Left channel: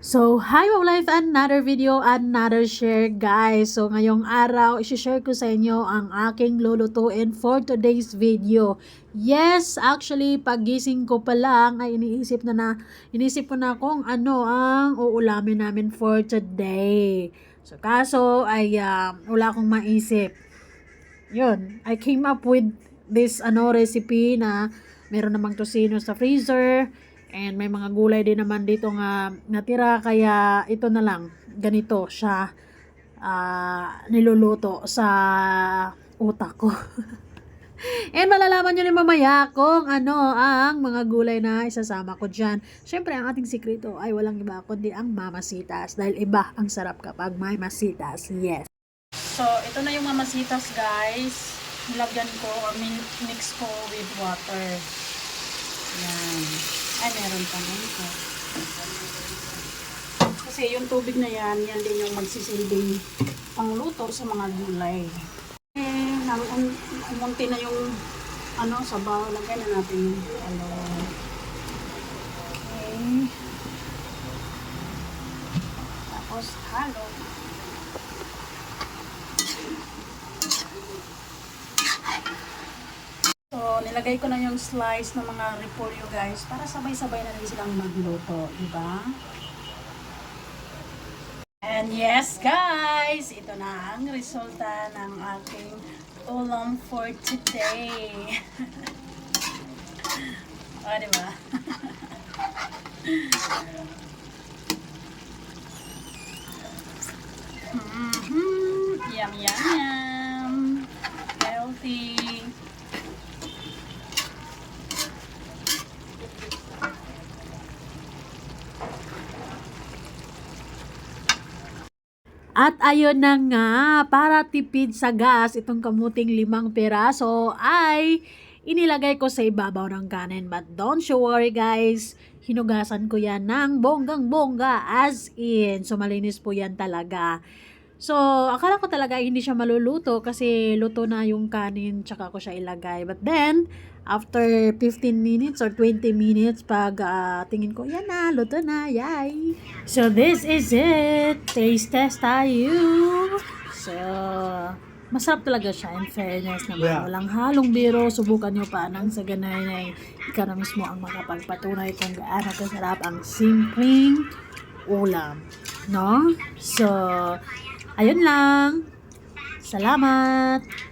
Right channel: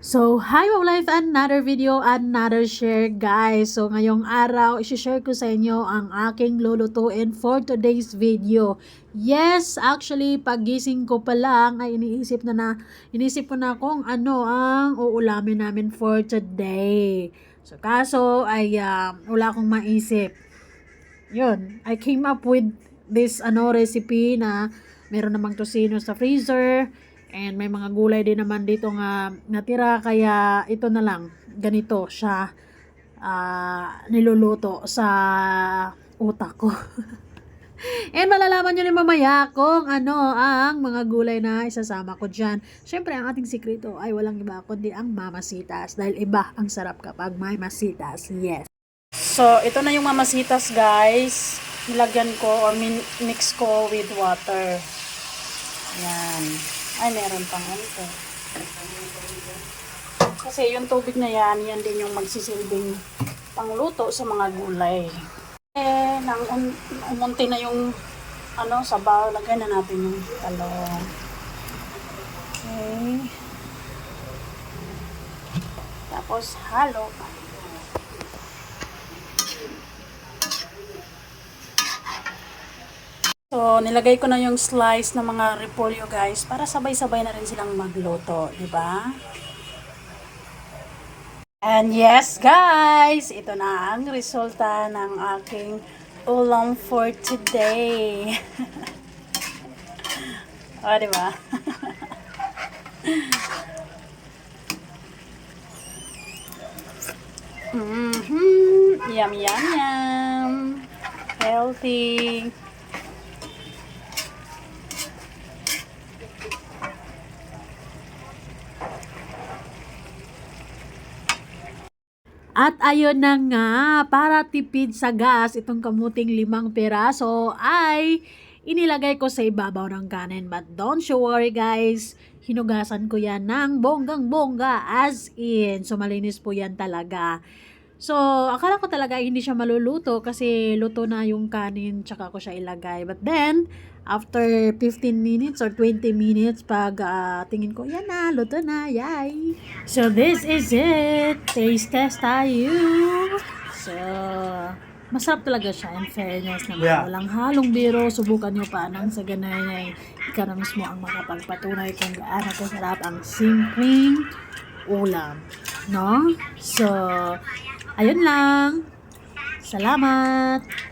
So, hi mga life, another video, another share guys. So, ngayong araw, isi-share ko sa inyo ang aking lulutuin for today's video. Yes, actually, pagising ko pa lang ay iniisip ko na kung ano ang uulamin namin for today. So, kaso ay wala akong maisip. Yun, I came up with this recipe na meron namang tosino sa freezer. And may mga gulay din naman dito nga natira, kaya ito na lang, ganito siya niluluto sa utak ko. And malalaman nyo rin mamaya kung ano ang mga gulay na isasama ko dyan. Syempre, ang ating sikreto ay walang iba kundi ang mamasitas. Dahil iba ang sarap kapag may masitas. Yes. So, ito na yung mamasitas guys. Nilagyan ko or mix ko with water. Ayan. Ay, meron pa nga ito. Kasi yung tubig na yan din yung magsisilbing pangluto sa mga gulay. Munti na yung sabaw. Lagyan na natin yung talong. Okay. Tapos, halo. So, nilagay ko na yung slice ng mga repolyo guys para sabay-sabay na rin silang magluto, di ba? And yes guys, ito na ang resulta ng aking ulam for today. O, di ba? Yum, yum, yum. Healthy. At ayun na nga, para tipid sa gas, itong kamuting 5 piraso ay inilagay ko sa ibabaw ng kanin. But don't you worry guys, hinugasan ko yan ng bonggang-bongga, as in. So malinis po yan talaga. So, akala ko talaga hindi siya maluluto kasi luto na yung kanin tsaka ko siya ilagay. But then, after 15 minutes or 20 minutes, pag tingin ko, yan na, luto na, yay! So, this is it! Taste test tayo! So, masarap talaga siya, in fairness naman. Yeah. Walang halong biro, subukan nyo pa nang sa ganay ay ikaw na mismo ang makapagpatunay kung gaano kasarap ang simpleng ulam. No? So, ayun lang. Salamat!